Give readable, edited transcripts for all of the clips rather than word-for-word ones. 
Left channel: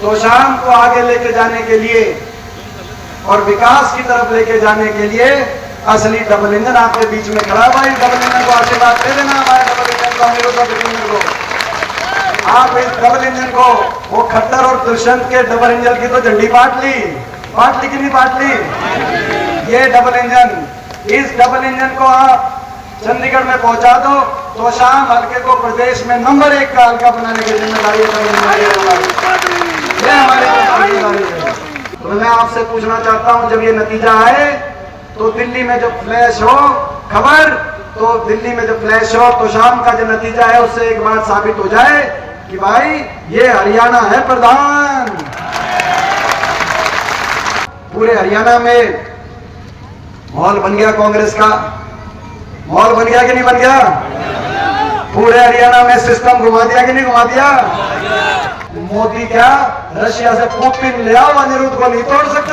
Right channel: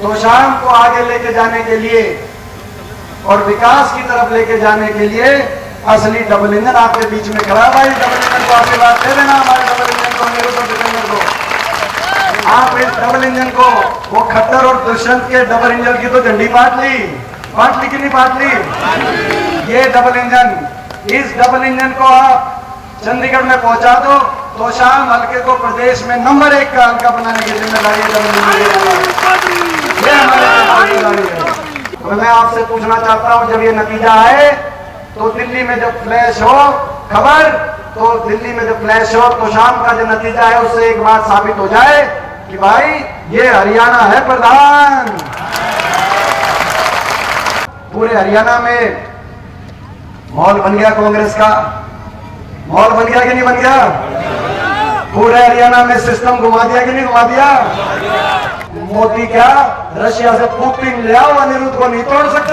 तोशाम को आगे लेके जाने के लिए और विकास की तरफ लेके जाने के लिए असली डबल इंजन आपके बीच में खड़ा। भाई डबल इंजन को आशीर्वाद दे देना, हमारे डबल इंजन को, अनिरुद्ध को। आप इस डबल इंजन को, वो खट्टर और दुष्यंत के डबल इंजन की तो झंडी बांट ली कि नहीं बांट ली? ये डबल इंजन, इस डबल इंजन को आप चंडीगढ़ में पहुंचा दो तो शाम हल्के को प्रदेश में नंबर 1 का हल्का बनाने की जिम्मेदारी डबल इंजन। तो मैं आपसे पूछना चाहता हूं, जब ये नतीजा आए तो दिल्ली में जब फ्लैश हो खबर, तो दिल्ली में जब फ्लैश हो तो शाम का जो नतीजा है उससे एक बात साबित हो जाए कि भाई ये हरियाणा है प्रधान। पूरे हरियाणा में माहौल बन गया कांग्रेस का, माहौल बन गया कि नहीं बन गया? पूरे हरियाणा में सिस्टम घुमा दिया कि नहीं घुमा दिया? मोदी क्या रशिया से पुतिन ले आओ, अनिरुद्ध को नहीं तोड़ सकते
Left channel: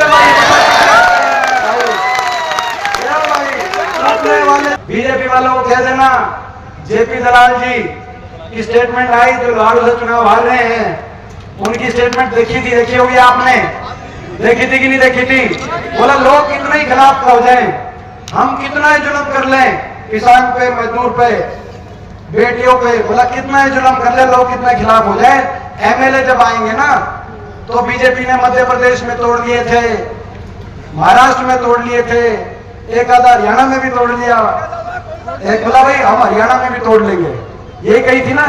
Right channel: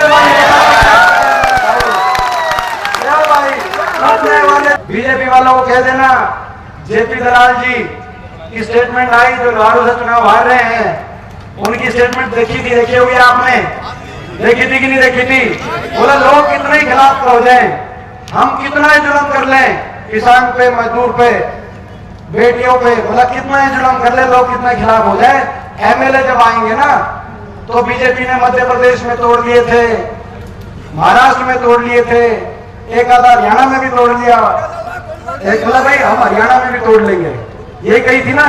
बीजेपी वालों को कह देना, जेपी दलाल जी की स्टेटमेंट आई जो लालू से चुनाव हार रहे हैं, उनकी स्टेटमेंट देखी होगी आपने, देखी थी कि नहीं देखी थी? बोला लोग कितना ही खिलाफ हो जाए, हम कितना ही जुल्म कर लें किसान पे, मजदूर पे, बेटियों पे, बोला कितना ही जुल्म कर ले, लोग कितना खिलाफ हो जाए, एमएलए जब आएंगे ना तो बीजेपी ने मध्य प्रदेश में तोड़ दिए थे, महाराष्ट्र में तोड़ लिए थे, एक आधा हरियाणा में भी तोड़ लिया। एक बोला भाई हम हरियाणा में भी तोड़ लेंगे, ये कही थी ना,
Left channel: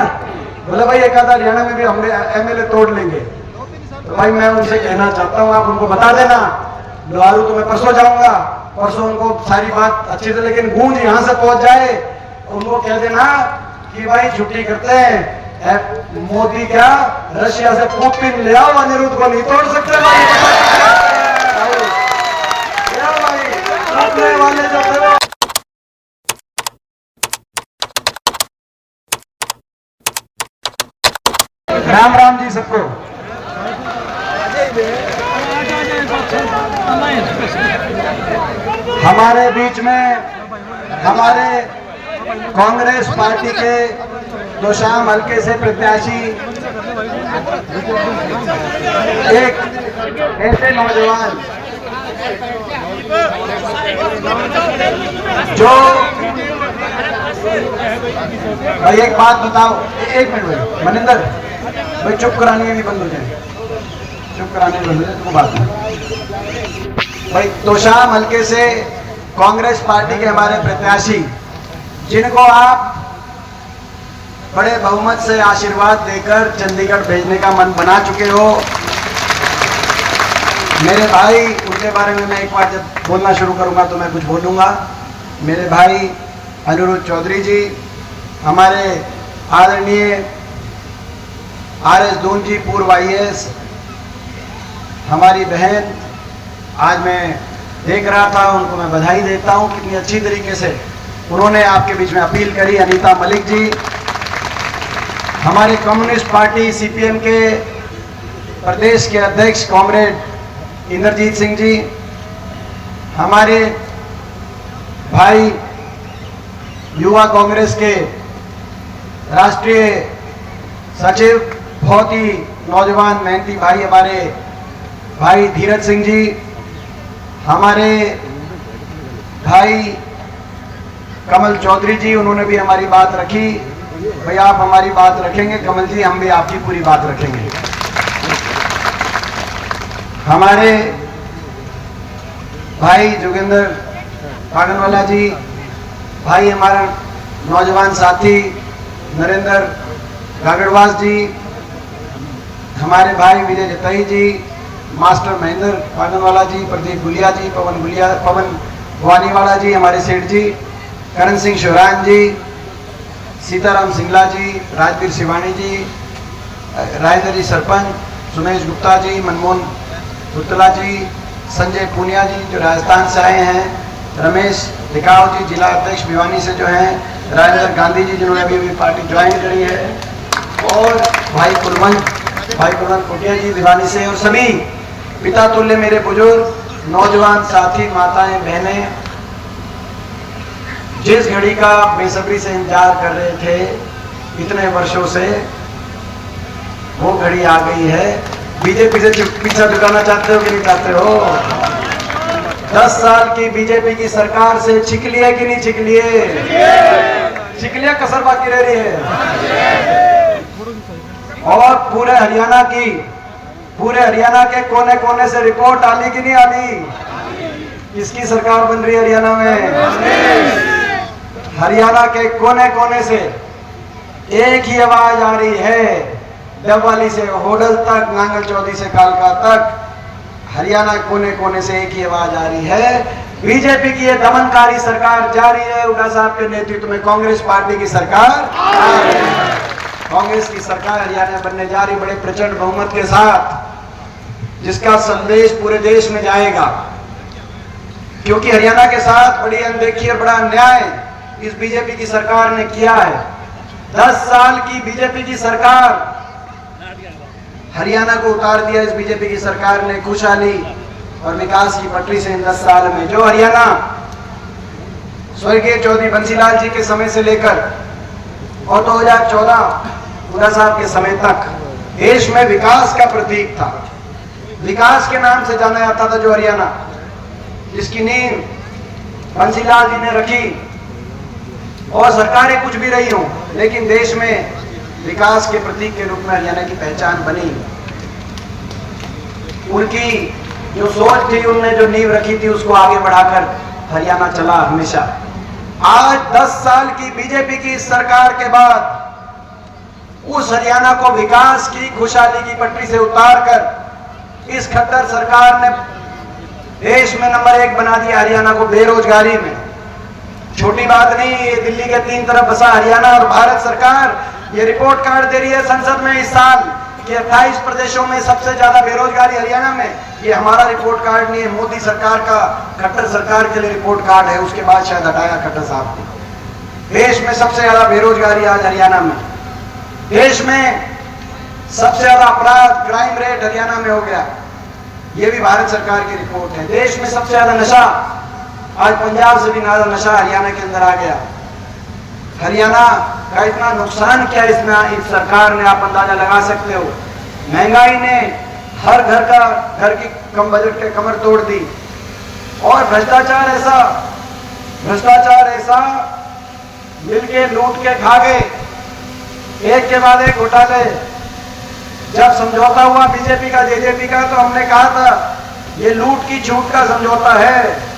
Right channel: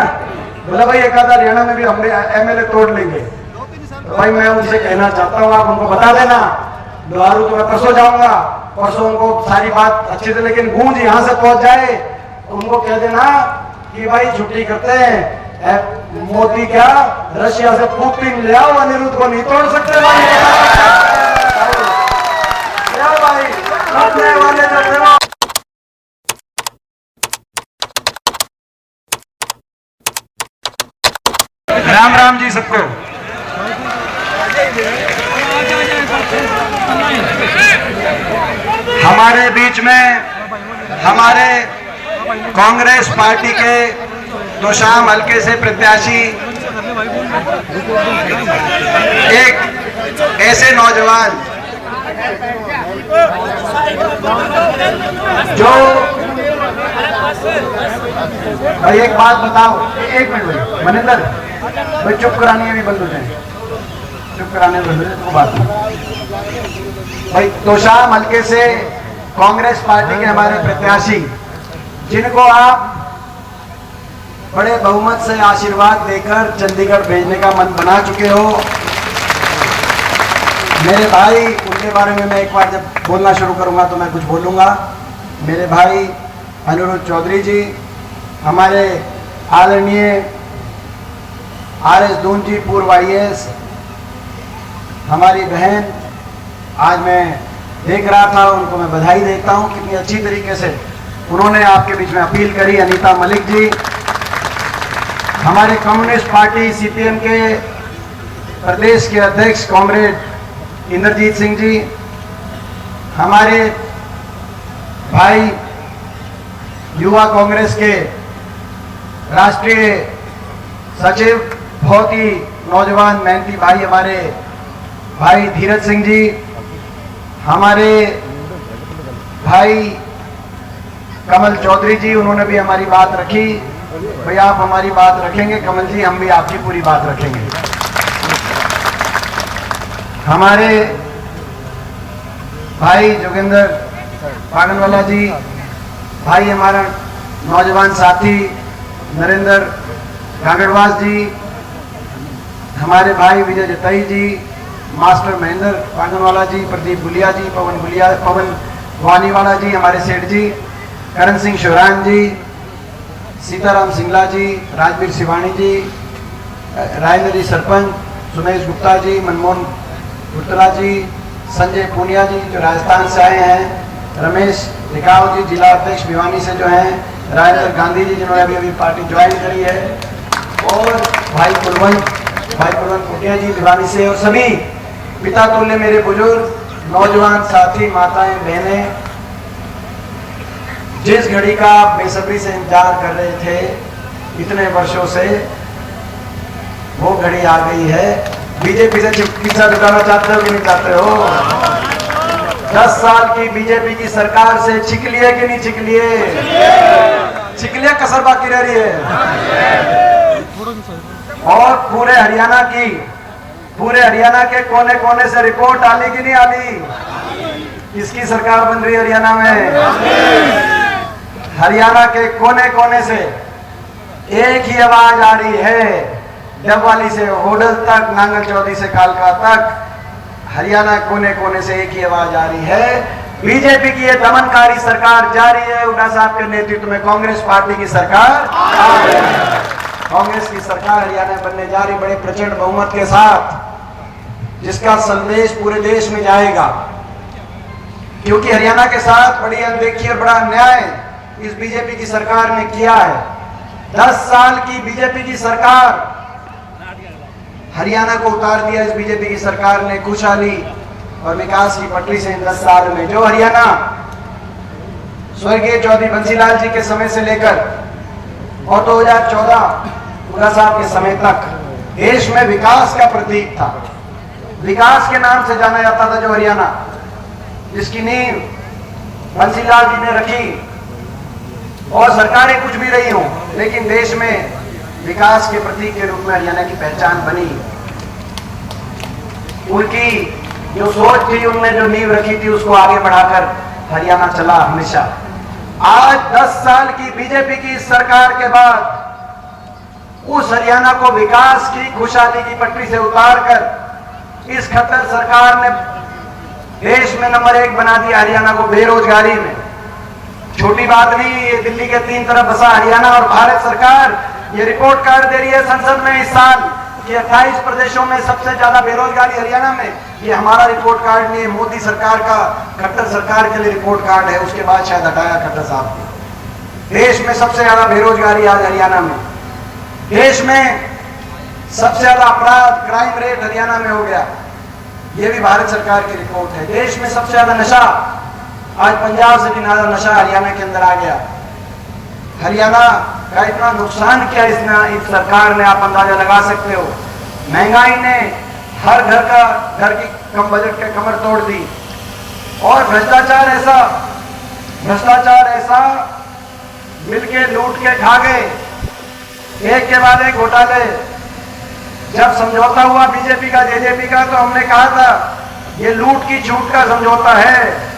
बोला भाई एक आधा हरियाणा में भी हम एमएलए तोड़ लेंगे। तो भाई मैं उनसे कहना चाहता हूँ, आप उनको बता देना, लालू तो मैं परसों जाऊंगा, परसों उनको सारी बात अच्छे से, लेकिन गूंज यहाँ से पहुंच जाए, उनको कह देना कि भाई छुट्टी करते हैं, मोदी क्या रशिया से पुतिन ले आओ, अनिरुद्ध को नहीं तोड़ सकते भाई। राम राम जी सबको। हमारे बीच में हमारे कांग्रेस पार्टी के तोशाम हल्के से प्रत्याशी एक ऐसे नौजवान जो, भाई एक बात बताओ, एक मिनट भाई मनिंदर भाई, चुप कराने भी बंद हो जाए, चुप कराने बंद हो जाए तो बात नहीं भाई। तोशाम हल्के से कांग्रेस पार्टी के हमारे प्रत्याशी, जिनको आप बड़े बहुमत से आशीर्वाद देकर चंडीगढ़ भेजने का मन बना चुके हो, मेरे भाई, उनके बारे में मैं एक बार जब बोलना शुरू करूंगा तो मैं कुछ बोलूंगा। मेरे भाई अनिरुद्ध चौधरी जी, हमारे आदरणीय आरएस दून जी, पूर्व आईएएस, हमारी बहन, आज मैं देख रहा था, उनको मैं बधाई देता हूं कितनी अच्छी तरीके से उन्होंने आपके बीच में अपील करी। अनीता मलिक जी, हमारे कम्युनिस्ट पार्टी सीपीएम के प्रदेश के अध्यक्ष कॉमरेड इंद्रजीत सिंह जी, हमारे भाई युवा कांग्रेस के राष्ट्रीय सचिव, बहुत ही नौजवान मेहनती भाई, हमारे भाई धीरज सिंह जी, हमारे भाई कमल चौधरी जी, उन्होंने भी हमारी बात रखी। भाई आप हमारी बात रखेंगे कमल जी, हम भी आपकी पूरी बात रखेंगे। हमारे भाई जोगिंदर पागनवाला जी, भाई हमारा नौजवान साथी नरेंद्र गागड़वास जी, हमारे भाई विजय जतई जी, मास्टर महेंद्र पागनवाला जी, प्रदीप गुलिया जी, पवन भवानीवाला जी, हमारे सेठ जी, करण सिंह शिवरान जी, सीताराम सिंगला जी, राजवीर शिवानी जी, राजेंद्र जी सरपंच, सुमेश गुप्ता जी, मनमोहन गुप्तला जी, संजय पूनिया जी जो राजस्थान से आए हैं, रमेश टिकाव जी जिला अध्यक्ष भिवानी से जो हैं, राजेंद्र गांधी जी जिन्होंने अभी पार्टी ज्वाइन करी है, और भाई कुलवंत कुटिया जी भिवानी से, और सभी पिता तुल्य मेरे बुजुर्ग नौजवान साथी, माताएं, बहनें, जिस घड़ी का आप बेसब्री से इंतजार कर रहे थे इतने वर्षों से, वो घड़ी आ गई है। बीजेपी से पीछा छुड़ाना चाहते हो कि नहीं चाहते हो? 10 साल की बीजेपी की सरकार से छिक लिए कि नहीं छिक लिए? छिक लिए, कसर बाकी रह रही है। और पूरे हरियाणा के कोने कोने से रिपोर्ट आली कि नहीं आली? किसकी सरकार बन रही है हरियाणा में? हरियाणा के कोने कोने से एक ही आवाज आ रही है, डबवाली से होडल तक, नांगल चौधरी से कालका तक, हरियाणा कोने कोने से एक ही आवाज आ रही है, बीजेपी की ये दमनकारी सरकार जारी है। हुड्डा साहब के नेतृत्व में कांग्रेस पार्टी की सरकार आ रही है। कांग्रेस की सरकार हरियाणा बनने जा रही बड़े प्रचंड बहुमत के साथ, जिसका संदेश पूरे देश में जाएगा। क्योंकि हरियाणा के साथ बड़ी अनदेखी और बड़ा अन्याय इस बीजेपी की सरकार ने किया है। 10 साल की बीजेपी की सरकार हरियाणा को उतार दिया। इस बीजेपी की सरकार ने खुशहाली और विकास की पटरी से 10 साल में जो हरियाणा स्वर्गीय चौधरी बंसीलाल जी के समय से लेकर और 2014 हुड्डा साहब के समय तक देश में विकास का प्रतीक था, विकास के नाम से जाना जाता था, जो हरियाणा जिसकी नींव बंसीलाल जी ने रखी, और सरकारें कुछ भी रही हों, लेकिन देश में विकास के प्रतीक के रूप में हरियाणा की पहचान बनी। उनकी जो सोच थी, उन्होंने जो नींव रखी थी, उसको आगे बढ़ाकर हरियाणा चला हमेशा। आज 10 साल की बीजेपी की सरकार के बाद उस हरियाणा को विकास की, खुशहाली की पटरी से उतारकर इस खट्टर सरकार ने देश में नंबर 1 बना दिया हरियाणा को बेरोजगारी में। छोटी बात नहीं, ये दिल्ली के 3 तरफ बसा हरियाणा और भारत सरकार ये रिपोर्ट कार्ड दे रही है संसद में इस साल कि 28 प्रदेशों में सबसे ज्यादा बेरोजगारी हरियाणा में। ये हमारा रिपोर्ट कार्ड नहीं है, मोदी सरकार का, खट्टर सरकार के लिए रिपोर्ट कार्ड है। उसके बाद शायद हटाया खट्टर साहब को। देश में सबसे ज्यादा बेरोजगारी आज हरियाणा में, देश में सबसे ज्यादा अपराध, क्राइम रेट हरियाणा में हो गया, ये भी भारत सरकार की रिपोर्ट है। देश में सबसे ज्यादा नशा, आज पंजाब से भी ज्यादा नशा हरियाणा के अंदर आ गया। हरियाणा का इतना नुकसान किया इस सरकार ने, आप अंदाजा लगा सकते हो। महंगाई ने हर घर की कम बजट के कमर तोड़ दी, और भ्रष्टाचार ऐसा मिलके लूट के खा गए, एक के बाद एक घोटाले। जब समझौता हुआ बीजेपी का जेजेपी का, तो हमने कहा था ये लूट की छूट का समझौता है।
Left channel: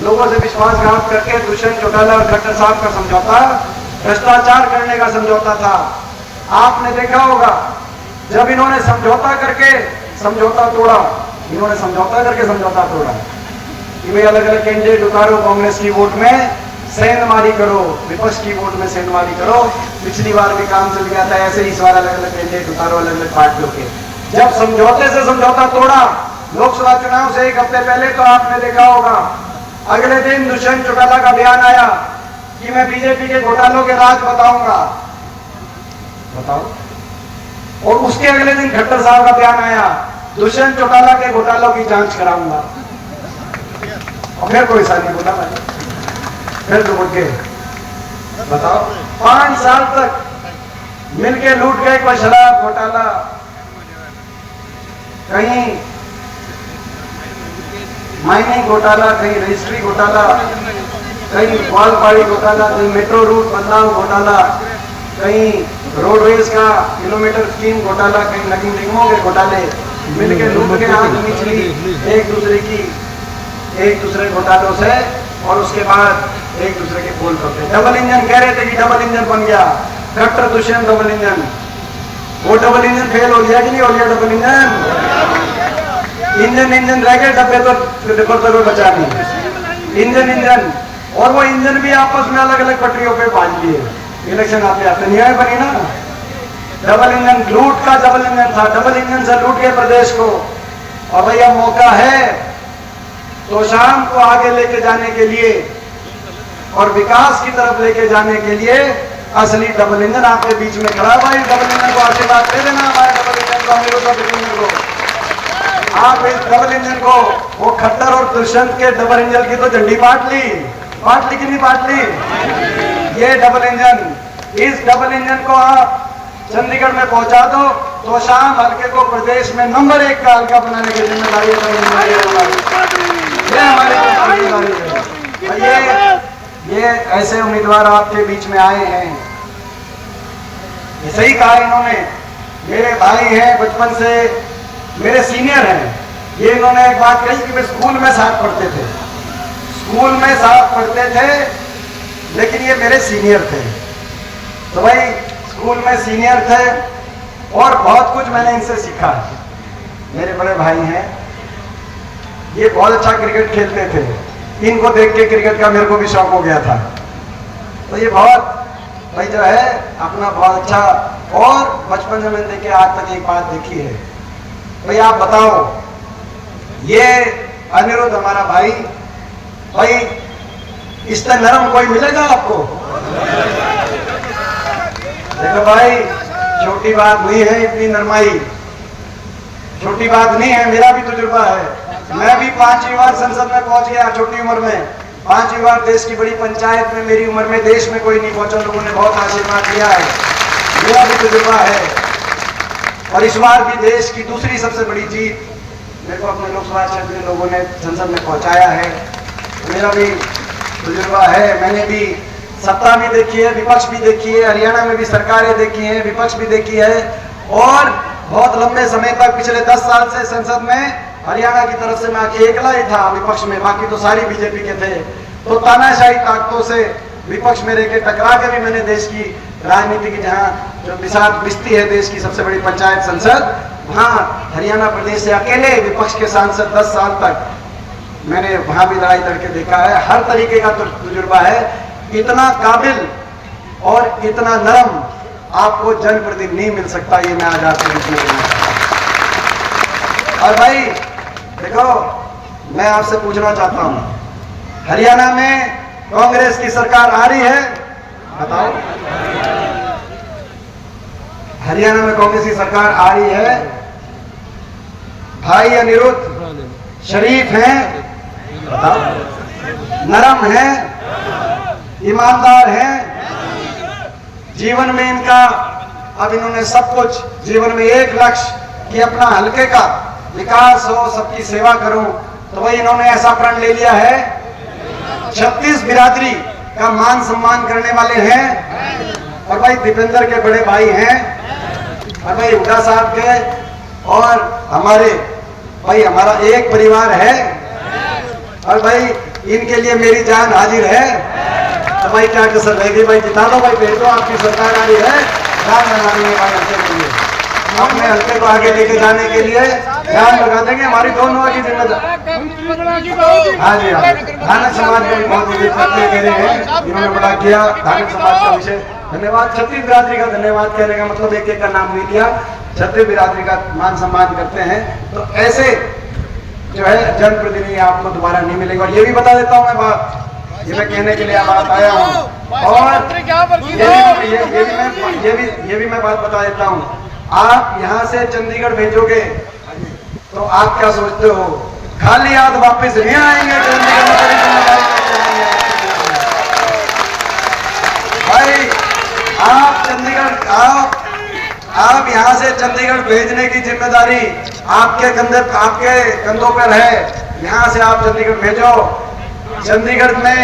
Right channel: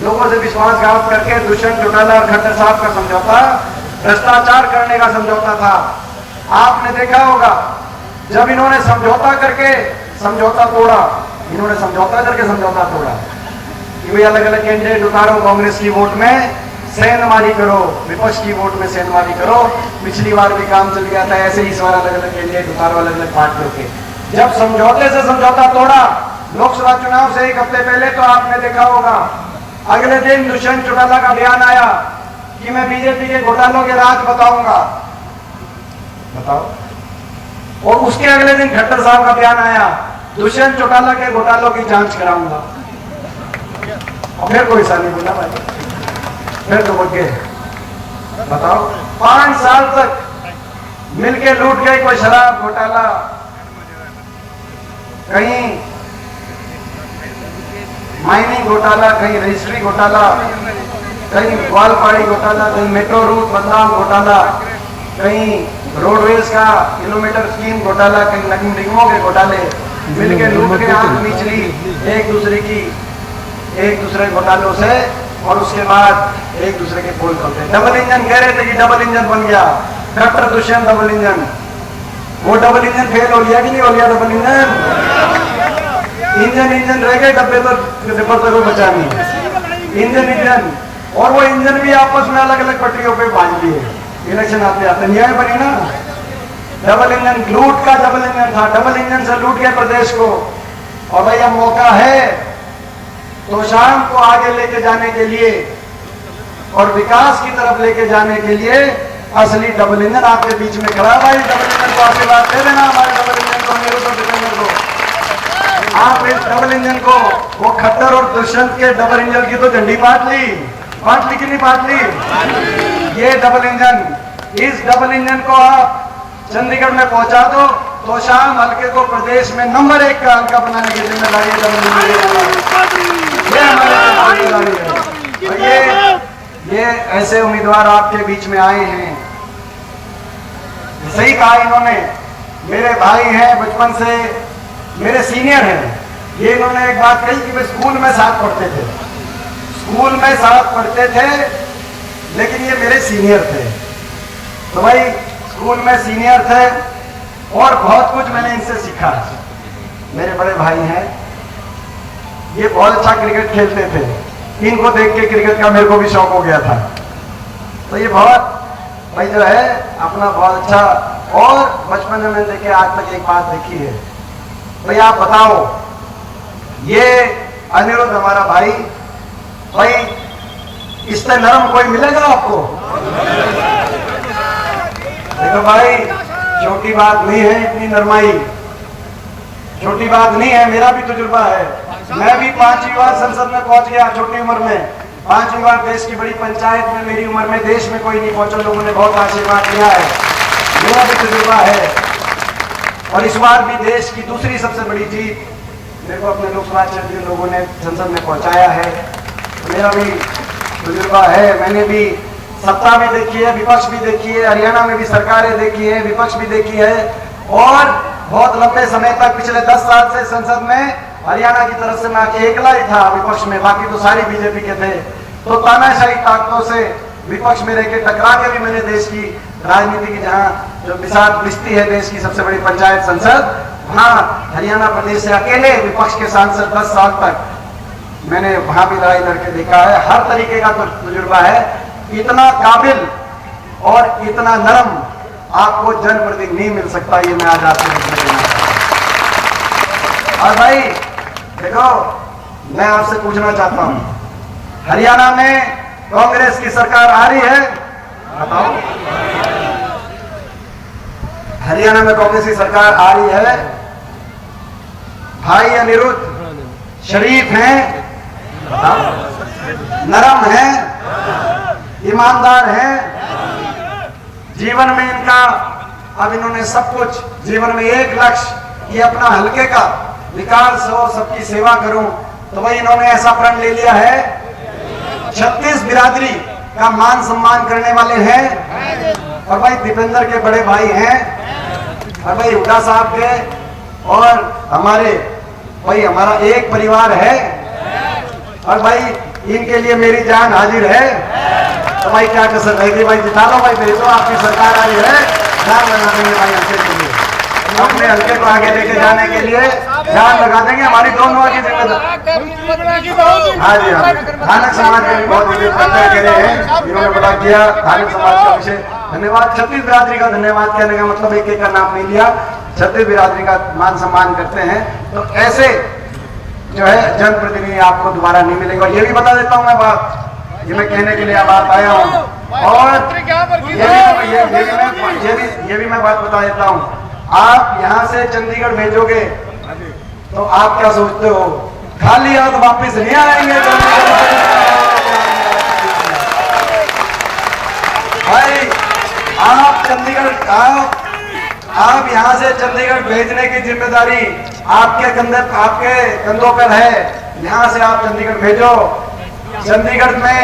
लोगों से विश्वासघात करके दुष्यंत चौटाला और खट्टर साहब का समझौता भ्रष्टाचार करने का समझौता था। आपने देखा होगा जब इन्होंने समझौता करके समझौता तोड़ा, कि वे अलग अलग कैंडिडेट उतारो, कांग्रेस की वोट में सेंधमारी करो, विपक्ष की वोट में सेंधमारी करो। पिछली बार भी काम चल गया था ऐसे ही, इस बार अलग अलग कैंडिडेट उतारो अलग अलग पार्टियों के। जब समझौते से समझौता तोड़ा लोकसभा चुनाव से 1 हफ्ते पहले, तो आपने देखा होगा अगले दिन दुष्यंत चौटाला का बयान आया कि मैं बीजेपी के घोटालों के राज बताऊंगा। बताओ। और उसके अगले दिन खट्टर साहब का बयान आया, दुष्यंत चौटाला के घोटालों की जांच कराऊंगा। और फिर कोई साल नहीं बोला, फिर तो बोल के बताओ। 5 साल तक मिलके लूट गए, कोई शराब घोटाला, कहीं माइनिंग घोटाला, कहीं रजिस्ट्री घोटाला, कहीं वालपाड़ी घोटाला, कहीं मेट्रो रूट बदलाव घोटाला, कहीं रोडवेज का किलोमीटर स्कीम घोटाला, कहीं नकीम निगमों के घोटाले, मिलकर लूट के आंख मीच ली एक दूसरे घोटालों से, और उसके बाद एक दूसरे के पोल पकड़े। डबल इंजन कह रहे थे कि डबल इंजन बन गया, खट्टर दुष्यंत डबल इंजन। वो डबल इंजन फेल हो गया कि नहीं हो गया? डबल इंजन रह गए, डब्बे तो बचा नहीं इंजन। और वो इंजन भी आपस में अलग अलग पटरियों पे बांध लिए। इलेक्शन आते न्याय बने ना। डबल इंजन, लूट का डबल इंजन था, डबल इंजन से लूट के प्रदेश को। और भैया मौका है तो शाम को आगे लेके जाने के लिए और विकास की तरफ लेके जाने के लिए असली डबल इंजन आपके बीच में खड़ा। भाई डबल इंजन को आशीर्वाद दे देना, हमारे डबल इंजन को, अनिरुद्ध को। आप इस डबल इंजन को, वो खट्टर और दुष्यंत के डबल इंजन की तो झंडी बांट ली कि नहीं बांट ली? ये डबल इंजन, इस डबल इंजन को आप चंडीगढ़ में पहुंचा दो, तोशाम हल्के को प्रदेश में नंबर 1 का हल्का बनाने की जिम्मेदारी ये हमारी जिम्मेदारी है। ये ऐसे उम्मीदवार आपके बीच में आए हैं, सही कहा इन्होंने, मेरे भाई हैं, बचपन से मेरे सीनियर हैं। ये इन्होंने एक बात कही कि वे स्कूल में साथ पढ़ते थे, स्कूल में साथ पढ़ते थे, लेकिन ये मेरे सीनियर थे। तो भाई स्कूल में सीनियर थे और बहुत कुछ मैंने इनसे सीखा। मेरे बड़े भाई हैं, ये बहुत अच्छा क्रिकेट खेलते थे, इनको देख के क्रिकेट का मेरे को भी शौक हो गया था। तो ये बहुत भाई जो है अपना बहुत अच्छा, और बचपन में मैंने देखे आज तक एक बात देखी है। भाई आप बताओ, ये अनिरुद्ध हमारा भाई, भाई इससे नरम कोई मिलेगा आपको? देखो भाई, छोटी बात नहीं है इतनी नरमाई, छोटी बात नहीं है। मेरा भी तजुर्बा है, मैं भी 5वीं बार संसद में पहुंच गया छोटी उम्र में, 5वीं बार देश की बड़ी पंचायत में मेरी उम्र में देश में कोई नहीं पहुंचा, लोगों ने बहुत आशीर्वाद दिया है, मेरा भी तजुर्बा है। और इस बार भी देश की दूसरी सबसे बड़ी जीत मेरे को अपने लोकसभा क्षेत्र में लोगों ने संसद में पहुंचाया है, मेरा भी तजुर्बा है। मैंने भी सत्ता भी देखी है, विपक्ष भी देखी है, हरियाणा में भी सरकारें देखी है, विपक्ष भी देखी है, और बहुत लंबे समय तक पिछले 10 साल से संसद में हरियाणा की तरफ से मैं अकेला ही था विपक्ष में, बाकी तो सारी बीजेपी के थे। तो तानाशाही ताकतों से विपक्ष में रहकर टकरा के भी मैंने देश की राजनीति की, जहाँ जो मिसाल बिस्ती है देश की सबसे बड़ी पंचायत संसद, वहाँ हरियाणा प्रदेश से अकेले विपक्ष के सांसद 10 साल तक मैंने वहां भी लड़ाई लड़के देखा है। हर तरीके का तजुर्बा है। इतना काबिल और इतना नरम आपको जनप्रतिनिधि नहीं मिल सकता, ये मैं आज आपको देखने देना चाहता हूं। और भाई देखो, मैं आपसे पूछना चाहता हूं, हरियाणा में कांग्रेस की सरकार आ रही है, बताओ? हरियाणा में कांग्रेस की सरकार आ रही है। भाई अनिरुद्ध शरीफ हैं, बताओ? नरम हैं, ईमानदार हैं, जीवन में इनका, अब इन्होंने सब कुछ जीवन में एक लक्ष्य कि अपना हल्के का विकास हो, सबकी सेवा करूं, तो भाई इन्होंने ऐसा प्रण ले लिया है। 36 बिरादरी का मान सम्मान करने वाले हैं, और भाई दीपेंद्र के बड़े भाई हैं, और भाई हुड्डा साहब के, और हमारे भाई हमारा एक परिवार है, और भाई इनके लिए मेरी जान हाजिर है। तो भाई क्या कसर रहेगी? भाई जिता लो भाई, भेजो, आपकी सरकार आ रही है, ध्यान बना देंगे भाई हल्के के लिए, अपने हल्के को आगे लेके जाने के लिए ध्यान लगा देंगे। हमारी दोनों की जिम्मेदारी। हाँ जी, हाँ, धानक समाज के बहुत चर्चा के रहे हैं, इन्होंने बड़ा किया। धानक समाज का विशेष धन्यवाद। छत्तीस बिरादरी का धन्यवाद कहने का मतलब एक एक का नाम नहीं लिया, छत्तीस बिरादरी का मान सम्मान करते हैं। तो ऐसे जो है जनप्रतिनिधि आपको दोबारा नहीं मिलेगा। और ये भी बता देता हूँ मैं बात, ये मैं कहने के लिए बात आया हूँ, और ये भी मैं बात बता देता हूँ। आप यहाँ से चंडीगढ़ भेजोगे तो आप क्या सोचते हो, खाली हाथ वापस नहीं आएंगे भाई? आप चंडीगढ़, आप यहाँ से चंडीगढ़ भेजने की जिम्मेदारी आपके कंधों पर है। यहाँ से आप चंडीगढ़ भेजो, चंडीगढ़ में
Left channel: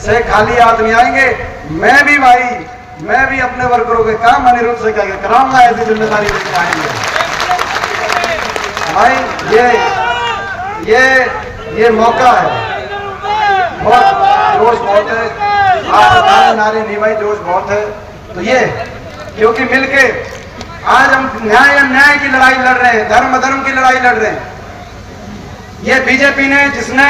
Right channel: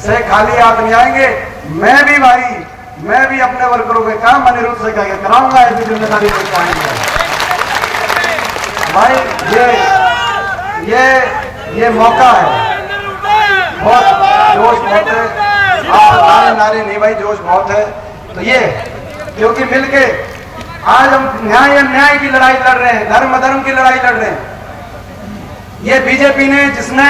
से खाली हाथ नहीं आएंगे। मैं भी अपने वर्करों के काम अनिरुद्ध से कराऊंगा, ऐसी जिम्मेदारी लेकर आएंगे भाई। ये मौका है, बहुत जोश बहुत है, नारे नहीं भाई, जोश बहुत है। तो ये क्योंकि मिलके आज हम न्याय की लड़ाई लड़ रहे हैं, धर्म अधर्म की लड़ाई लड़ रहे हैं। ये बीजेपी ने, जिसने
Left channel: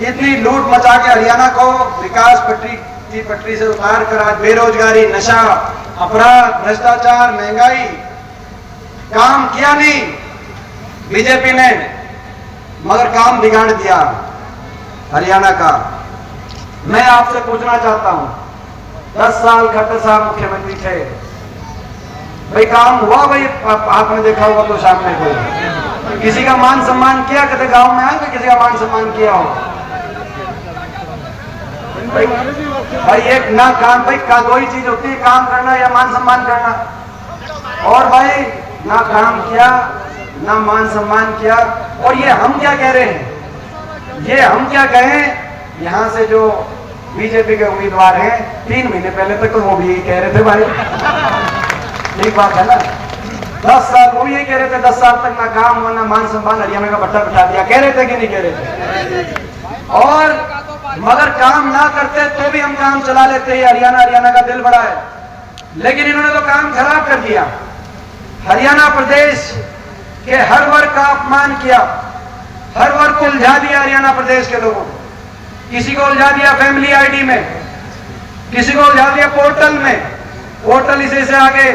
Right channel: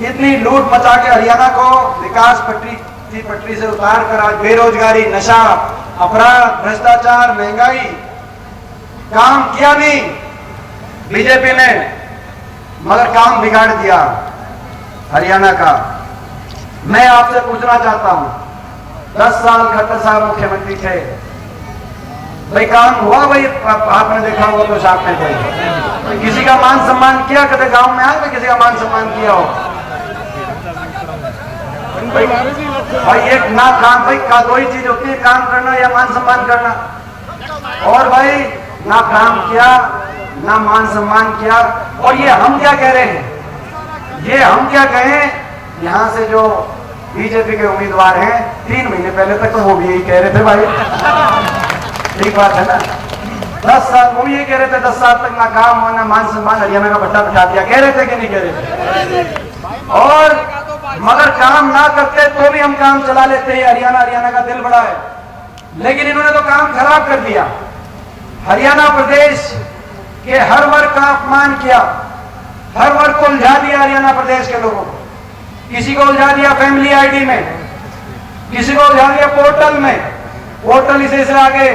इतनी लूट मचा के हरियाणा को विकास पटरी से उतार कर आज बेरोजगारी, नशा, अपराध, भ्रष्टाचार, महंगाई, काम किया नहीं बीजेपी ने, मगर काम बिगाड़ दिया हरियाणा का। मैं आपसे पूछना चाहता हूं, 10 साल खट्टर साहब मुख्यमंत्री थे, भाई काम हुआ? भाई आपने देखा होगा तो शाम में कोई किसी का मान सम्मान किया? कभी गांव में आए किसी का मान सम्मान किया हो? भाई एक ना काम, भाई दो ही चीज होती है, काम करना या मान सम्मान करना। और भाई ना काम किया, ना मान सम्मान किया। और ये हम क्या कह रहे हैं, ये हम क्या कहें, यहाँ से जो बीजेपी के उम्मीदवार हैं 3 महीने पहले तक तो वो भी यही कह रहे थे भाई, ठीक बात है ना। 10 साल वो भी ये कह रहे थे, 10 साल तक ना काम ना मान सम्मान, हरियाणा का भट्टा बिठा दिया, कह रहे थे कि नहीं कह रहे थे। और मगर काम ना करते तो भी हम काम चला लेते हैं, हरियाणा का दिल बड़ा है। लेकिन इन्होंने तो काम खराब कर दिया, हरियाणा प्रदेश के हर वर्ग का अपमान किया, हर वर्ग को उलझा दिया हरियाणा प्रदेश के लोगों को। किसी को उलझा दिया फैमिली आईडी में, किसी को उलझा दिया पोर्टल में, पोर्टल इसे से आगे,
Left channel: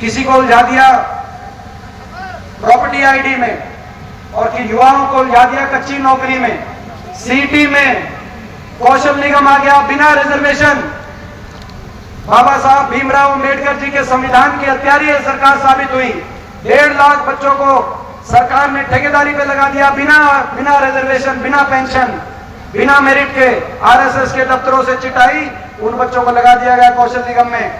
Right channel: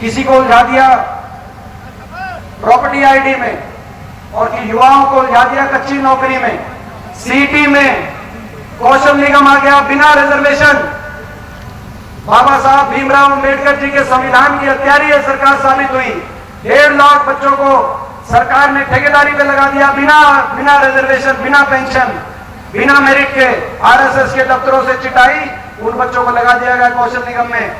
किसी को उलझा दिया प्रॉपर्टी आईडी में, और कि युवाओं को उलझा दिया कच्ची नौकरी में, सीटी में। कौशल निगम आ गया बिना रिजर्वेशन। बाबा साहब भीमराव अंबेडकर जी के संविधान की हत्यारी ये सरकार साबित हुई। 1.5 लाख बच्चों को सरकार ने ठेकेदारी पे लगा दिया, बिना रिजर्वेशन, बिना पेंशन, बिना मेरिट के। आरएसएस के दफ्तरों से चिटाई उन बच्चों को लगा दिया गया कौशल निगम में।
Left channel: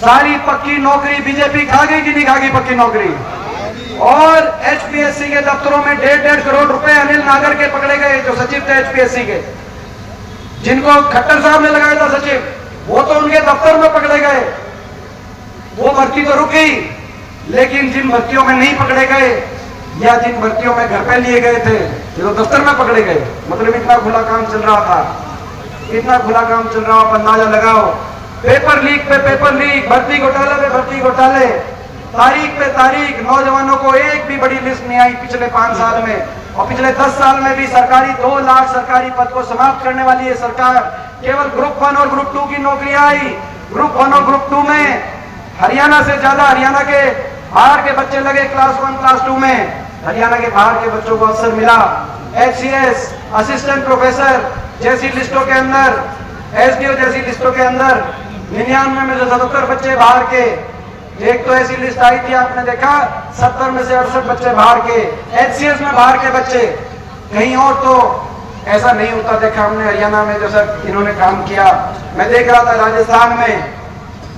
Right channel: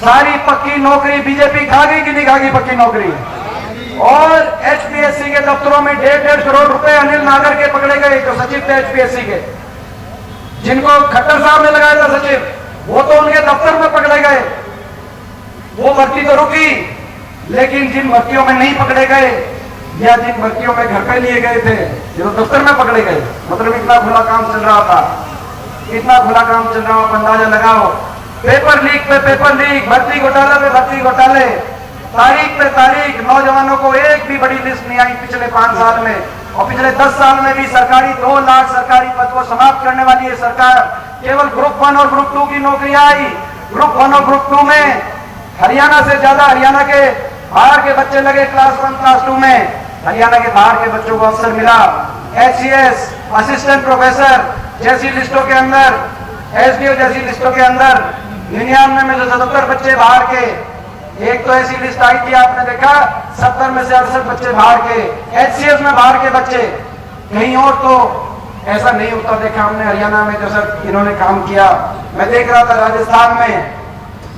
सारी पक्की नौकरी बीजेपी खागी कि नहीं खागी पक्की नौकरी। और एचपीएससी के दफ्तरों में 1.5 करोड़ रुपए अनिल नागर के पकड़े गए, जो सचिव थे एचपीएससी के, जिनको खट्टर साहब ने लगाया था सचिव, वो तो उनके दफ्तर में पकड़े गए। वो भर्ती तो रुकी, लेकिन जिन भर्तियों में नहीं पकड़े गए या जिन भर्तियों में घर पे लिए गए थे, ये तो दफ्तर में पकड़े गए। मतलब इतना खुला काम चल रहा था, इतना खुला काम चल रहा हो, अंदाजा लगाओ। पेपर लीक पे पेपर लीक, भर्ती घोटाले पे भर्ती घोटाले, तारीख पे तारीख। नौजवानों को एक भी बड़ी लिस्ट नहीं आई पिछले 5 साल में, और पिछले 10 साल में भी सरकारी 2 लाख सरकारी पद को समाप्त करने वाली है सरकार। केवल ग्रुप 1 और ग्रुप 2 की नौकरियां आई। ग्रुप 1 और ग्रुप 2 में हरियाणा से ज्यादा हरियाणा के बाहर के बच्चे लगे क्लास 1 क्लास 2 में। हरियाणा के बाहर के बच्चों को अवसर मिला। एचसीएस, असिस्टेंट प्रोफेसर जैसी लिस्टों के अंदर, एसडीओ जैसी लिस्टों के अंदर 99 में जो 77 बच्चे बाहर के, एक तो ऐसी लिस्ट आई थी आपने देखा, 70 में से 68 बच्चे बाहर के, एचसीएस में बाहर के बच्चे। कहीं और तो ऐसा नहीं होता देखा हमने हरियाणा में, जैसा इन्होंने काम किया। मैं देख रहा था राजस्थान में,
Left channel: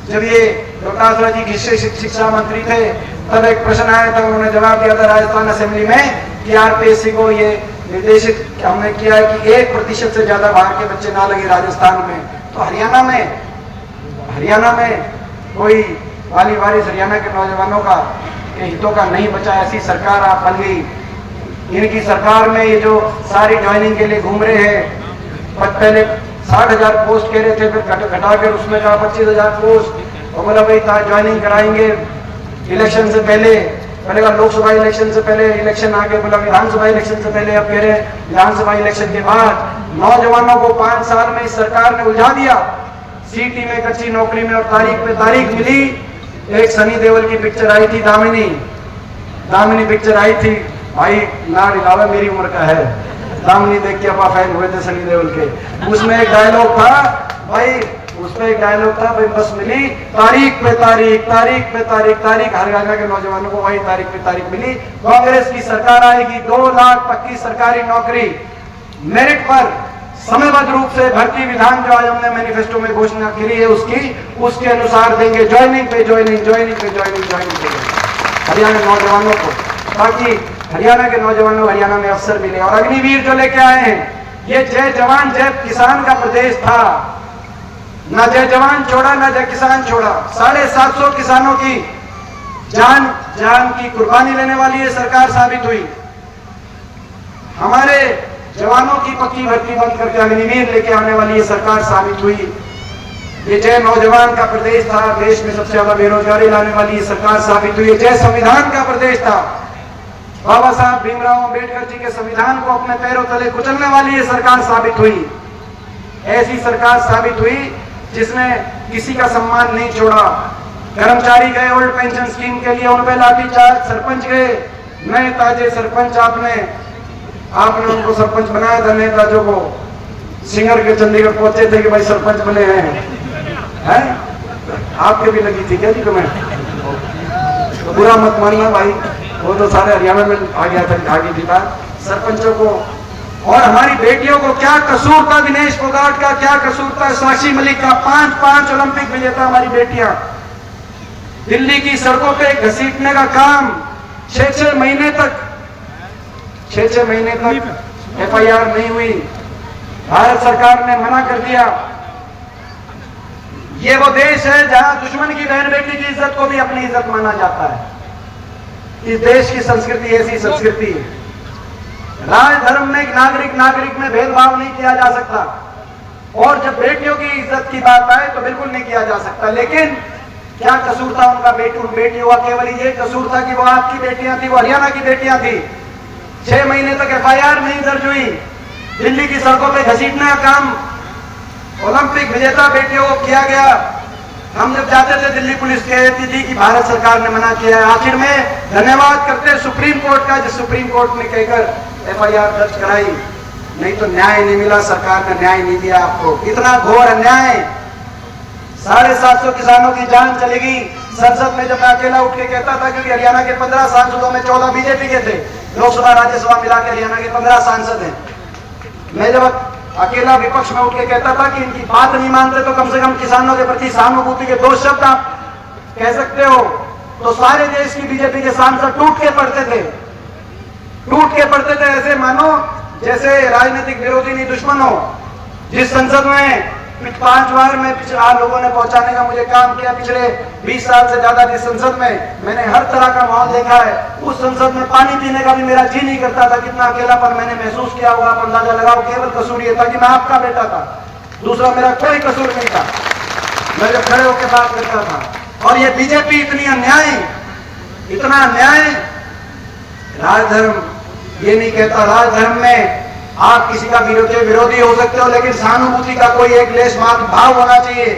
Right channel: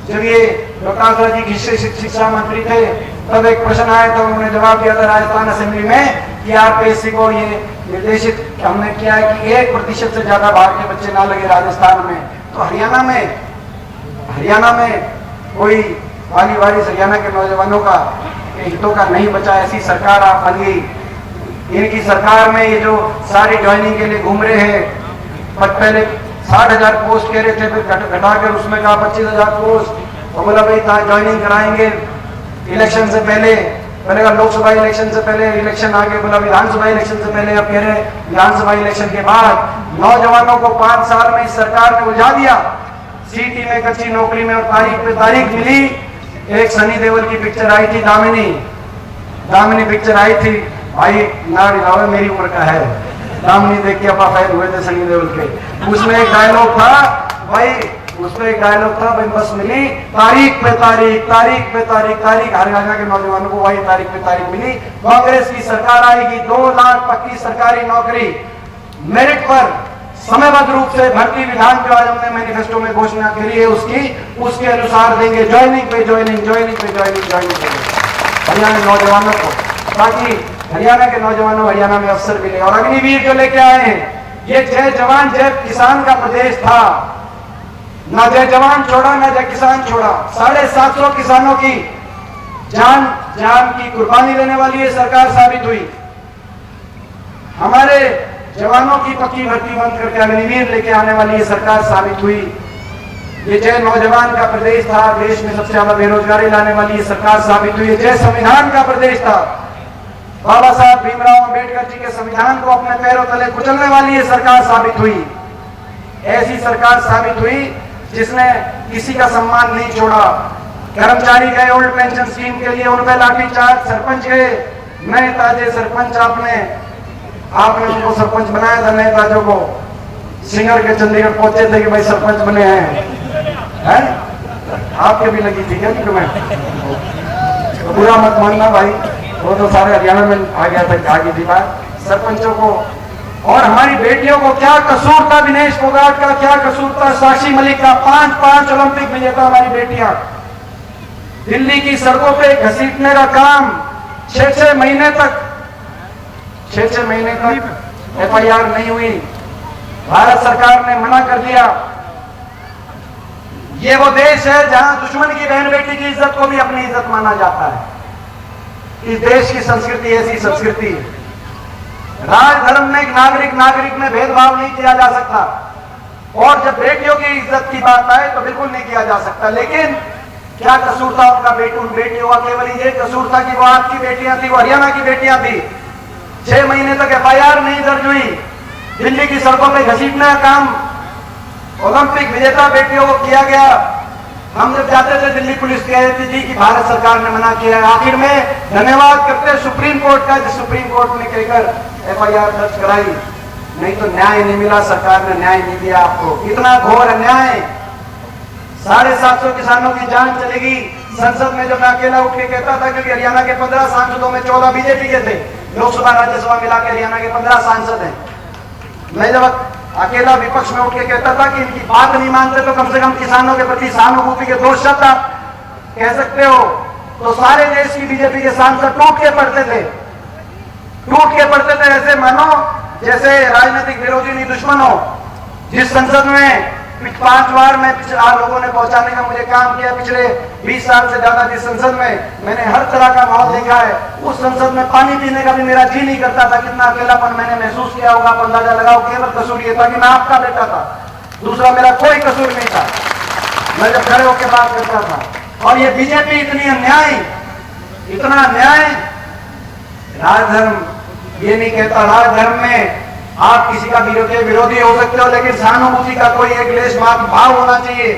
जब ये प्रकाश राव जी शिक्षा मंत्री थे, तब एक प्रश्न आया था, उन्होंने जवाब दिया था राजस्थान असेंबली में कि आरपीएससी को ये निर्देशित हमने किया है कि 1% से ज्यादा बाहर के बच्चे ना लगे राजस्थान में। तो हरियाणा में कोई वाली वारिस हरियाणा के नौजवानों का हितों का नहीं बचा, ऐसी सरकार आप बन गई। इनकी सरकार में ये जो सारी ज्वाइनिंग के लिए घूम रहे हैं, पहले 60,000 पोस्ट कह रहे थे, फिर घटाकर उसमें कहा 25,000 पोस्ट, और बोला भाई ज्वाइनिंग कराएंगे इलेक्शन से पहले का लोकसभा इलेक्शन से पहले, इलेक्शन आगे बोला विधानसभा इलेक्शन से पहले, अब कह रहे विधानसभा इलेक्शन के बाद। नौजवानों को 5 साल में इस सरकार ने उलझा दिया, सीटी में, कच्ची नौकरी में, और तारीख पे तारीख मिली। एक सनी देओल की पिक्चर आई थी, दामिनी पिक्चर आई थी भाई, लाड लावा मेरी उम्र का है, दामिनी देख के अपा फैन हुए थे सनी देओल के। उसमें एक डायलॉग था भाई, उसमें एक डायलॉग था भाई, बस मिली तारीख पे तारीख, तारीख पे तारीख, तारीख। हरियाणा के नौजवानों को वही तारीख पे तारीख मिली। कांग्रेस की सरकार आएगी, 2 लाख पक्की सरकारी नौकरी मेरिट पर समयबद्ध रूप से भर्ती विधान जो आज हमने मैनिफेस्टो में घोषणा करी है उसके अनुसार देंगे। ज्वाइनिंग पे ज्वाइनिंग हरियाणा के नौजवानों को, ताकि हरियाणा के नौजवानों हरियाणा में अवसर मिले। और अग्निवीर जो लेके आए हैं, ये जय जवान जय किसान का प्रदेश था, ना जय जवान छोड़ा ना जय किसान छोड़ा। 750 किसानों की जान की कुर्बानी देने वाली ये सरकार साबित हुई। हमारे जवानों की पक्की भर्ती बंद करके अग्निवीर लेके आने वाली ये सरकार साबित हुई। ये जय नौजवान का प्रदेश था, देश में सबसे ज्यादा बेरोजगारी लाने वाली ये सरकार साबित हुई। जय संविधान का प्रदेश था, बाबा साहब भीमराव अंबेडकर जी के संविधान को अपने पैरों तले कुचलने वाली ये सरकार साबित हुई। ऐसी सरकार साबित हुई जिसने किसी का सम्मान नहीं छोड़ा। कर्मचारी गए ओल्ड पेंशन स्कीम के लिए, उनपे लाठीचार्ज, सरपंच गए, नए ताजे सरपंच आपने उनको सरपंच बनाया था, नए ताजों को। सिंगर के चंडीगढ़ पहुंचे थे कि भाई सरपंच बने हैं, आपके भी लगी थी क्या जी तुम्हें? बुरा मत मानना भाई, वो तो सारे हरियाणा में आ गया था, आ गई थी बात सरपंचों को। और हमारी बेटियों को क्या कसूर था, दिनेश फोगाट का क्या कसूर था, साक्षी मलिक का, 5 ओलंपिक विजेता हमारी बेटियां। दिल्ली की सड़कों पे घसीटने का काम 6-6 महीने तक FIR नहीं हुई। भारत सरकार ने मना कर दिया। ये वो देश है जहां दुश्मन की बहन बेटी की इज्जत को भी अपनी इज्जत माना जाता है। इस देश की संस्कृति ऐसी संस्कृति है। राज धर्म में नागरिक में भेदभाव नहीं किया जा सकता, और जब बेटियों की इज्जत की बात आए तो बिल्कुल नहीं किया जा सकता। लेकिन क्या कसूर था उनका बेटियों का? केवल ये कसूर था कि वो आपकी बेटियां थी, वो हरियाणा की बेटियां थी। 6 महीने तक FIR नहीं दर्ज हुई। दिल्ली की सड़कों पे घसीटने का काम ओलंपिक विजेता बेटियों को किया गया। हम जब जाते थे दिल्ली पुलिस कहती थी कि भारत सरकार ने मना किया। आखिर में धन्यवाद करते सुप्रीम कोर्ट का, जिस सुप्रीम कोर्ट ने कहकर FIR दर्ज कराई। नहीं तो न्याय नहीं मिला, सरकार ने न्याय नहीं दिया आपको। इतना घोर अन्याय। 750 किसानों की जान चलेगी। संसद में जब मैं अकेला उठ के कहता था, क्योंकि हरियाणा के 15 सांसदों में 14 बीजेपी के थे, लोकसभा राज्यसभा मिला के हरियाणा के 15 सांसद हैं। मैं जब अकेला विपक्ष में उठ के कहता था कि इनकी बात नहीं मानते तो कम से कम किसानों के प्रति सहानुभूति के 2 शब्द आप कह सकते हो, तो सारे देश की बीजेपी के सांसद टूट के पड़ते थे। ऐसे मानो जैसे राजनीतिक विरोधी नहीं दुश्मन हो। जिस संसद में 5 बार में लोगों ने पहुंचाने का मुझे काम किया पिछले 20 साल से ज्यादा, जिस संसद में मैंने हर तरह का माहौल देखा है, उस संसद में पानी पीने का भी मेरा जी नहीं करता था। कितना अकेलापन मैंने महसूस किया होगा, अंदाजा लगाओ। केवल कसूर ये था कि मैं आपका बेटा था, दूसरा मेरा कोई कसूर नहीं था। मैं जब खड़े होकर बात करता था। और ये बीजेपी इतना अन्याय। राजधर्म ये नहीं कहता, राजधर्म में आप किसी का विरोधी हो सकते हो, लेकिन सहानुभूति का कोई एक लेश मात्र भाव होना चाहिए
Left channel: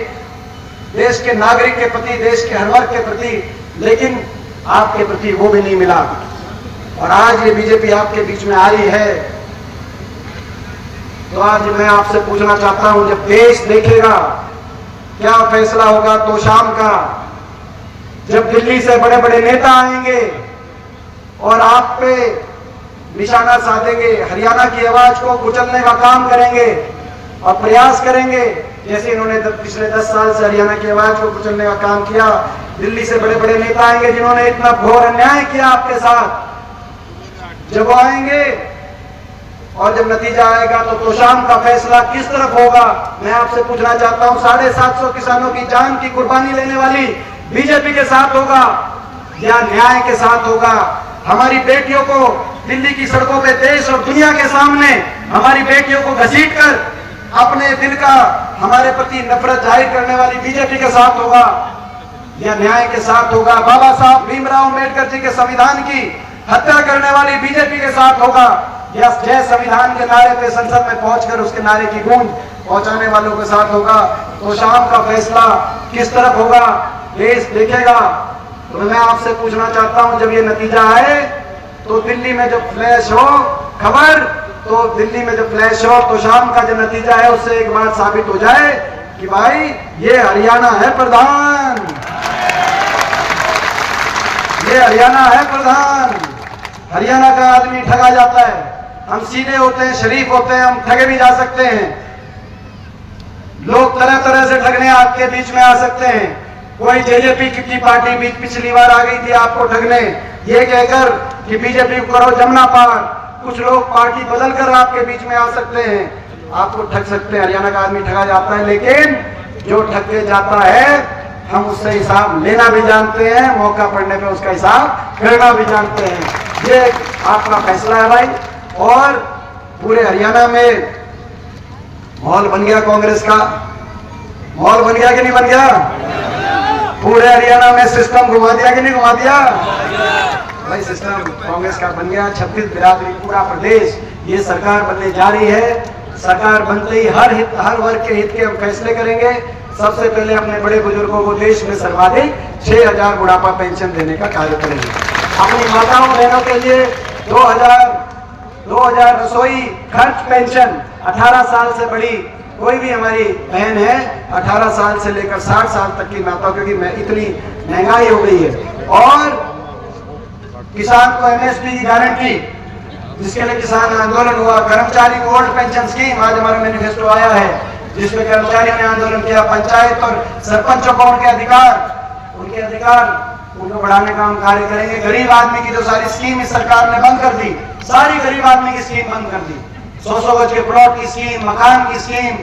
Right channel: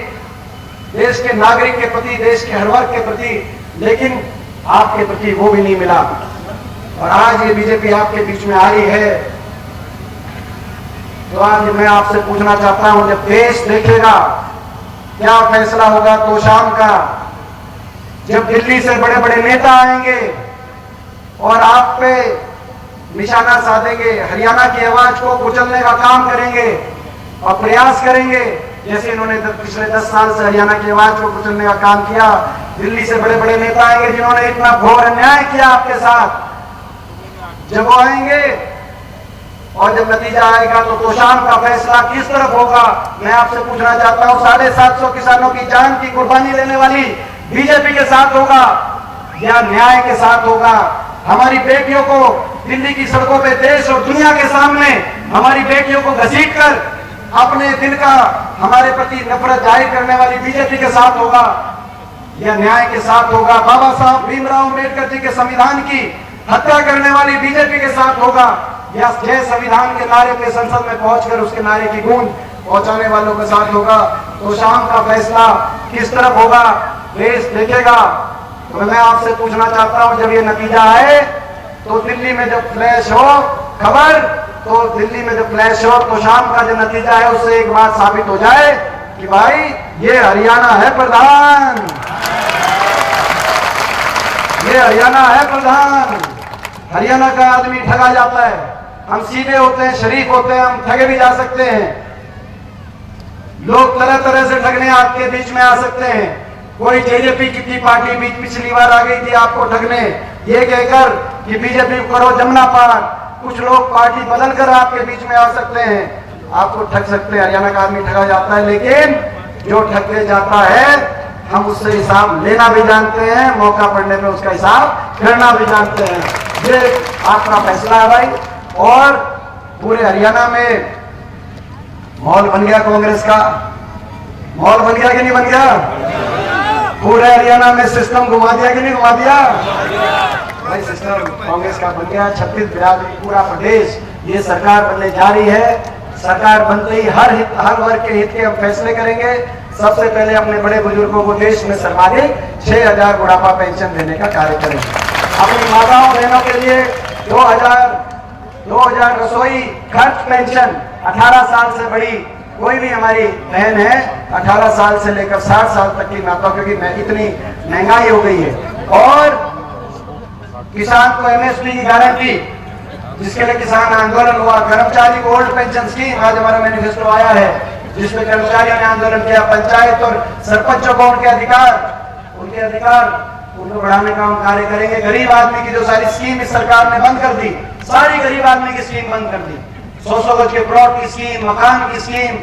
देश के नागरिक के प्रति, देश के हर वर्ग के प्रति। लेकिन आपके प्रति वो भी नहीं मिला। और आज ये बीजेपी आपके बीच में आ रही है, तो आज मैं आपसे पूछना चाहता हूं, जब देश देखेगा क्या फैसला होगा तो शाम का, जब दिल्ली से बड़े बड़े नेता आएंगे और आप पे निशाना साधेंगे, हरियाणा की आवाज को कुचलने का काम करेंगे और प्रयास करेंगे, जैसे इन्होंने पिछले 10 साल से हरियाणा की आवाज को कुचलने का काम किया। दिल्ली से बड़े बड़े नेता आएंगे जिन्होंने इतना घोर अन्याय किया आपके साथ। जब वो आएंगे और जब नतीजा आएगा तो तोशाम का फैसला किस तरफ होगा, मैं आपसे पूछना चाहता हूं। 750 किसानों की जान की कुर्बानी देने वाली बीजेपी के साथ होगा या न्याय के साथ होगा? हमारी बेटियों को दिल्ली की सड़कों पे देश और दुनिया के सामने हमारी बेटियों को घसीटकर अपने दिल का हमारे प्रति नफरत जाहिर करने वाली बीजेपी के साथ होगा या न्याय के साथ होगा? बाबा साहब भीमराव अम्बेडकर जी के संविधान की हत्या करने वाली बीजेपी के साथ होगा या जय संविधान के नारे पे संसद में पहुंचकर उसके नारे की गूंज पहुंचाने वालों के साथ होगा? तो शाम का फैसला किस तरफ होगा देश देखेगा। तो मैं आपसे पूछना चाहता हूं, जब ये नतीजा आए तो दिल्ली में जब फ्लैश हो खबर, तो दिल्ली में जब फ्लैश हो तो शाम का जो नतीजा है उससे एक बात साबित हो जाए कि भाई ये हरियाणा है प्रधान, ये हरियाणा है प्रधान। हरियाणा का आदमी ठगा जाता है। हम सीधे होते हैं, शरीफ होते हैं, हम ठगे भी जा सकते हैं। लोग तरह तरह से ठगने आपके बीच में आ सकते हैं। कोई जेजेपी की पार्टी भी पिछली बार आ गई थी आपको ठगने, ये कहकर कि बीजेपी को करो जमुना पार। कुछ लोग पार्टी बदल कर आपके बीच में आ सकते हैं, आपको ठग सकते हैं। हरियाणा का आदमी ठगा जाता है, लेकिन जो ठगे जाता है हम उससे हिसाब लेना भी जानते हैं, मौका पड़ने पे उसका हिसाब करना भी जानते हैं। ये आपका फैसला है भाई। और पूरे हरियाणा में माहौल बन गया, कांग्रेस का माहौल बन गया कि नहीं बन गया? पूरे हरियाणा में सिस्टम घुमा दिया कि नहीं घुमा दिया? भाई सिस्टम कांग्रेस का बन गया। 36 बिरादरी पूरा प्रदेश, ये सरकार बनने जा रही है। सरकार बनते ही हर वर्ग के हित के हम फैसले करेंगे। सबसे पहले अपने बड़े बुजुर्गों को देश में सर्वाधिक 6000 बुढ़ापा पेंशन देने का कार्य करेंगे। अपनी माताओं बहनों के लिए 2000 रसोई खर्च पेंशन। 18 साल से बड़ी कोई भी हमारी बहन है, 18 साल से लेकर 60 साल तक की माता, क्योंकि इतनी महंगाई हो गई है। और किसान को MSP की गारंटी, जिसके लिए किसान आंदोलन हुआ। कर्मचारी को ओल्ड पेंशन स्कीम, आज हमारा मैनिफेस्टो आया है जिसमें कर्मचारियों ने आंदोलन किया। पंचायत और सरपंचों को उनके अधिकार, उनके उनके अधिकार उनको बढ़ाने का हम कार्य करेंगे। गरीब आदमी की जो सारी स्कीम इस सरकार ने बंद कर दी, सारी गरीब आदमी की स्कीम बंद कर दी। 100 गज के प्लॉट की स्कीम, मकान की स्कीम।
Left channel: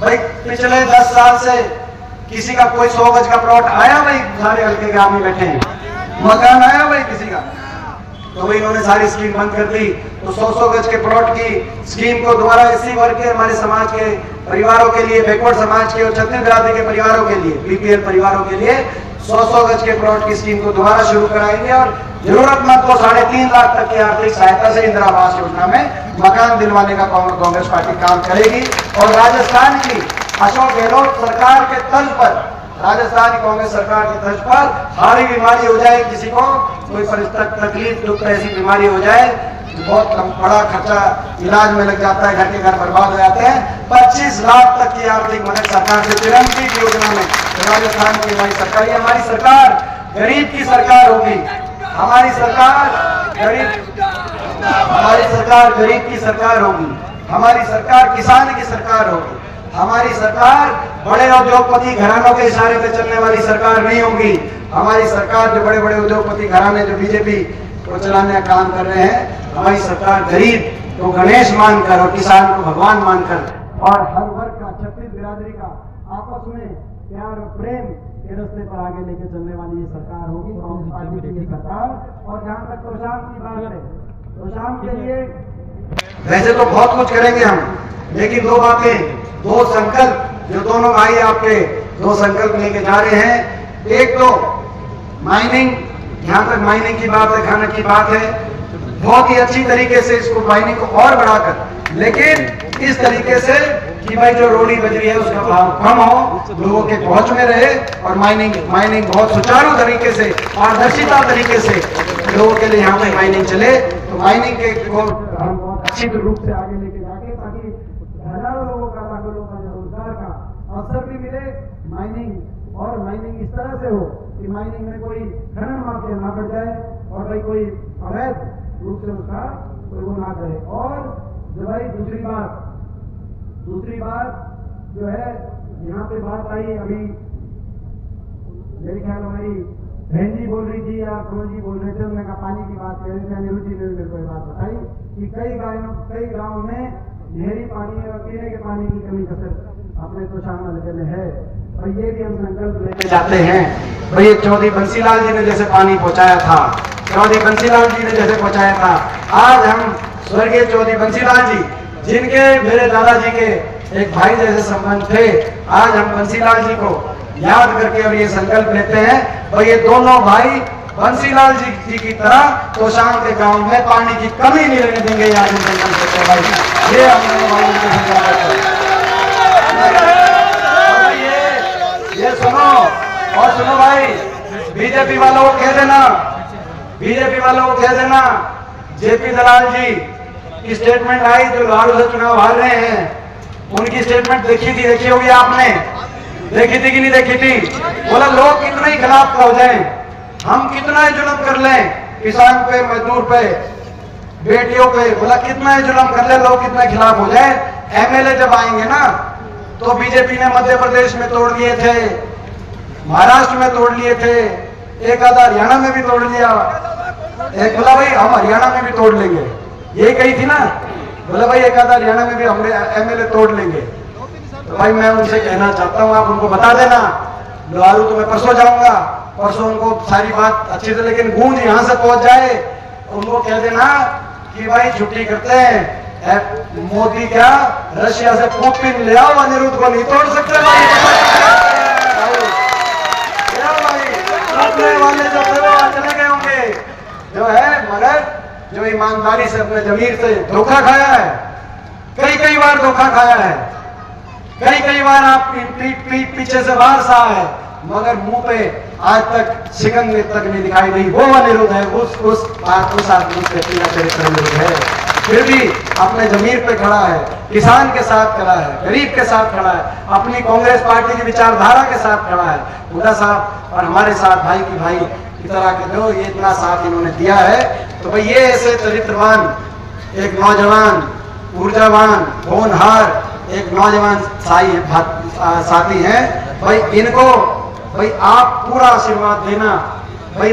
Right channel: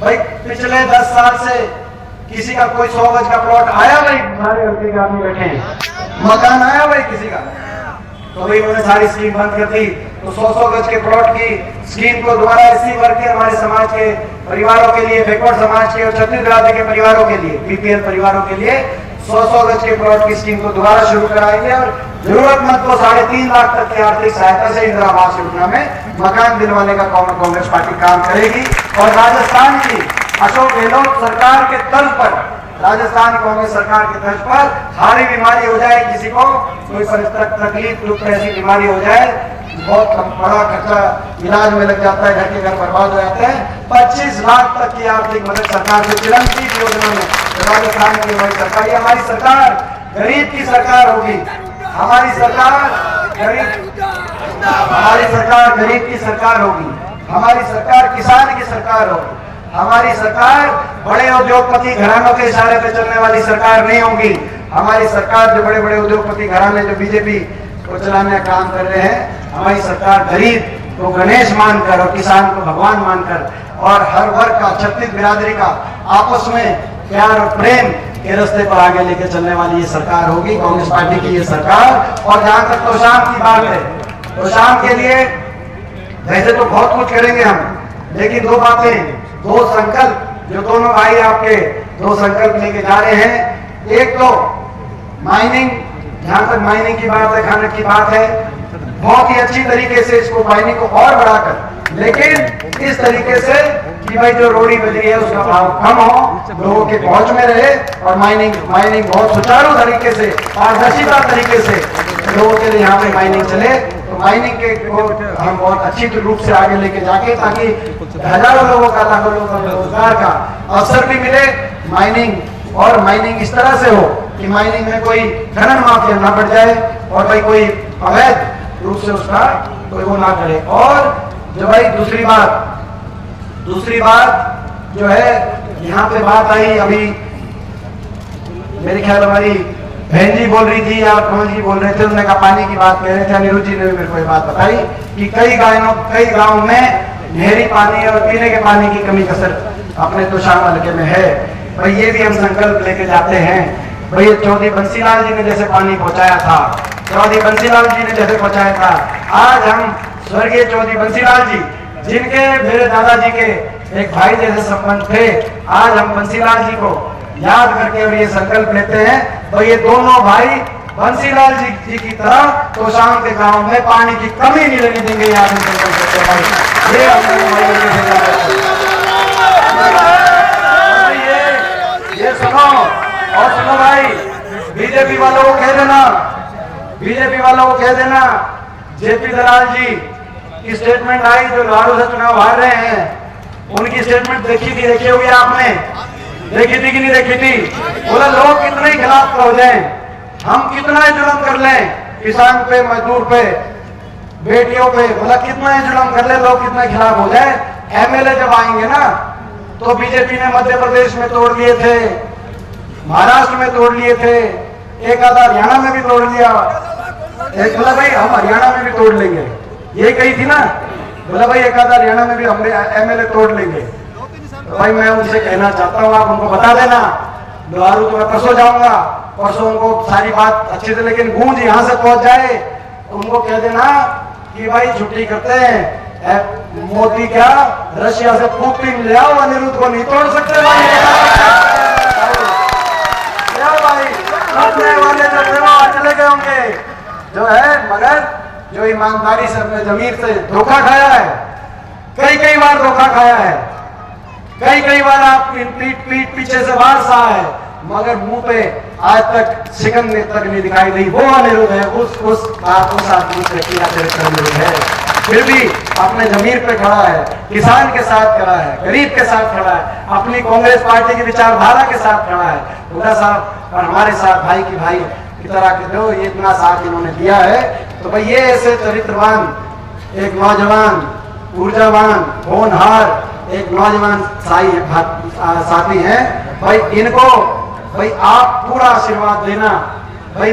भाई पिछले 10 साल से किसी का कोई 100 गज का प्लॉट आया भाई? सारे हल्के के आदमी बैठे हैं, मकान आया भाई किसी का? तो भाई इन्होंने सारी स्कीम बंद कर दी। तो 100 गज के प्लॉट की स्कीम को दोबारा इसी वर्ग के, हमारे समाज के परिवारों के लिए, बैकवर्ड समाज के और छत्तीसगढ़ के परिवारों के लिए, बीपीएल परिवारों के लिए 100 गज के प्लॉट की स्कीम को दोबारा शुरू कराएंगे और जरूरतमंद को 3.5 लाख तक की आर्थिक सहायता से इंदिरा आवास योजना में मकान दिलवाने का कांग्रेस पार्टी काम करेगी। और राजस्थान की अशोक गहलोत सरकार के तर्ज पर, राजस्थान कांग्रेस सरकार की तर्ज पर भारी बीमारी हो जाए, किसी को कोई तकलीफ दुख ऐसी बीमारी हो जाए, बहुत बड़ा खर्चा इलाज में लग जाता है, घर के घर बर्बाद हो जाते हैं, 25 लाख तक की आर्थिक मदद सरकार से चिरंजीवी योजना में राजस्थान की हमारी सरकार, ये हमारी सरकार गरीब की सरकार होगी। हमारी सरकार गरीब की सरकार होगी। हमारी सरकार किसान की सरकार होगी। हमारी सरकार बड़े उद्योगपति घरानों के इशारे पे चलने वाली सरकार नहीं होगी। हमारी सरकार जो बड़े बड़े उद्योगपति घराने जो बीजेपी को चलाने का काम कर रहे हैं, हमारी सरकार गरीब को गणेश मानकर और किसान को भगवान मानकर और हर वर्ग का, छत्तीस बिरादरी का आपस में प्यार और प्रेम के रास्ते पर आगे लेके चलने वाली ये सरकार होगी, कांग्रेस पार्टी की ये सरकार। और जहां तक तोशाम की बात है, तोशाम के लिए वैसे तो बहुत कुछ करेंगे हम, लेकिन दो बातें, दो संकल्प, जो दोनों भाई आपके दो संकल्प लेके जा रहे हैं। एक तो माइनिंग, जहां तक माइनिंग की बात है, खनन की बात है, बहुत ही अच्छी तरीके से इसको माइनिंग को और बढ़ाकर, लेकिन इस तरीके से कि भाई जो रोड़ी बजरी है उसका भाव कम हो, लोगों के पहुंच में रहे और माइनिंग बहुत सुचारू तरीके से, पारदर्शिता तरीके से लोगों के लिए यहाँ पे माइनिंग चले। तो माइनिंग के को हम बहुत अच्छी रूप से आगे लेके जाके, ताकि हजारों लोगों का, लाखों लोगों को रोजगार का अवसर भी मिले। माइनिंग और माइनिंग इस तरह से हो कि माइनिंग में कोई खनन माफिया ना बढ़ जाए और भाई कोई अवैध रूप से उसका कोई वो ना करे। और जो भाई दूसरी बात जो है, यहाँ पे बात आई अभी, मेरे ख्याल हमारी बहन जी बोल रही थी या कमल जी बोल रहे थे, उन्होंने कहा पानी की बात कह रहे थे, अनिरुद्ध जी ने भी मेरे को ये बात बताई कि कई गाँव में नहरी पानी और पीने के पानी की कमी कसर अपने तोशाम हल्के में है। भाई ये भी हम संकल्प लेके जाते हैं। भाई चौधरी बंसीलाल जी ने जैसे पानी पहुंचाया था, चौधरी बंसीलाल जी ने जैसे पहुंचाया था, आज हम स्वर्गीय चौधरी बंसीलाल जी, जिनके मेरे दादाजी के एक भाई जैसे संबंध थे, आज हम बंसीलाल जी को याद करके और ये संकल्प लेते हैं, भाई ये दोनों भाई बंसीलाल जी की तरह तोशाम के गांव में पानी की कमी नहीं रहने देंगे। आज संकल्प लेते हैं भाई, ये ये सुनो और सुनो भाई, बीजेपी वालों को कह देना, जेपी दलाल जी की स्टेटमेंट आई जो लालू से चुनाव हार रहे हैं, उनकी स्टेटमेंट देखी होगी आपने, देखी थी कि नहीं देखी थी? बोला लोग कितने खिलाफ हो जाए, हम कितना ही जुल्म कर लें किसान पे, मजदूर पे, बेटियों पे, बोला कितना ही जुल्म कर ले, लोग कितने खिलाफ हो जाए। एमएलए जब आएंगे ना, तो बीजेपी ने मध्य प्रदेश में तोड़ दिए थे, महाराष्ट्र में तोड़ लिए थे, एक आधा हरियाणा में भी तोड़ लिया, एक बोला भाई हम हरियाणा में भी तोड़ लेंगे, ये कही थी ना, बोला भाई एक आधा हरियाणा में भी हम एमएलए तोड़ लेंगे। तो भाई मैं उनसे कहना चाहता हूँ, आप उनको बता देना, लालू तो मैं परसों जाऊंगा, परसों उनको सारी बात अच्छी से, लेकिन गूंज यहाँ से पहुंच जाए, उनको कह देना कि भाई छुट्टी करते हैं, मोदी क्या रशिया से पुतिन ले आओ, अनिरुद्ध को नहीं तोड़ सकते भाई, चले गए होंगे जो है, मगर जो ईमानदारी से अपने जमीर से धोखा खाया है, कई बार धोखा खाया है, कई बार आप पीठ पीछे से बाहर सहा है, मगर मुंह पे आज तक शिकन तक नहीं दिखाई दी। वो अनिरुद्ध है, उस आदमी चरित्र है, फिर भी अपने जमीर पे खड़ा है, किसान के साथ खड़ा है, गरीब के साथ खड़ा है, अपनी कांग्रेस पार्टी की विचारधारा के साथ खड़ा है, उनका साथ और हमारे साथ भाई की भाई की तरह के लोग, ये इतना साथ इन्होंने दिया है। तो भाई ये ऐसे चरित्रवान एक नौजवान, ऊर्जावान, होनहार एक नौजवान साथी हैं भाई, इनको भाई आप पूरा आशीर्वाद देना, भाई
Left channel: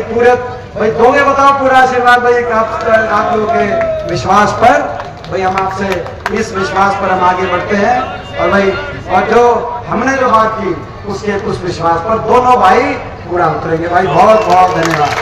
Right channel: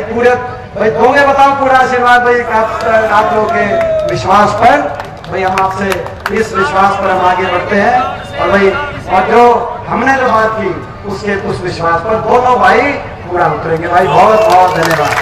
दोगे बताओ पूरा आशीर्वाद भाई आप लोगों के विश्वास पर। भाई हम आपसे इस विश्वास पर हम आगे बढ़ते हैं और भाई और जो हमने जो बात की उसके उस विश्वास पर दोनों भाई पूरा उतरेंगे। भाई बहुत बहुत धन्यवाद।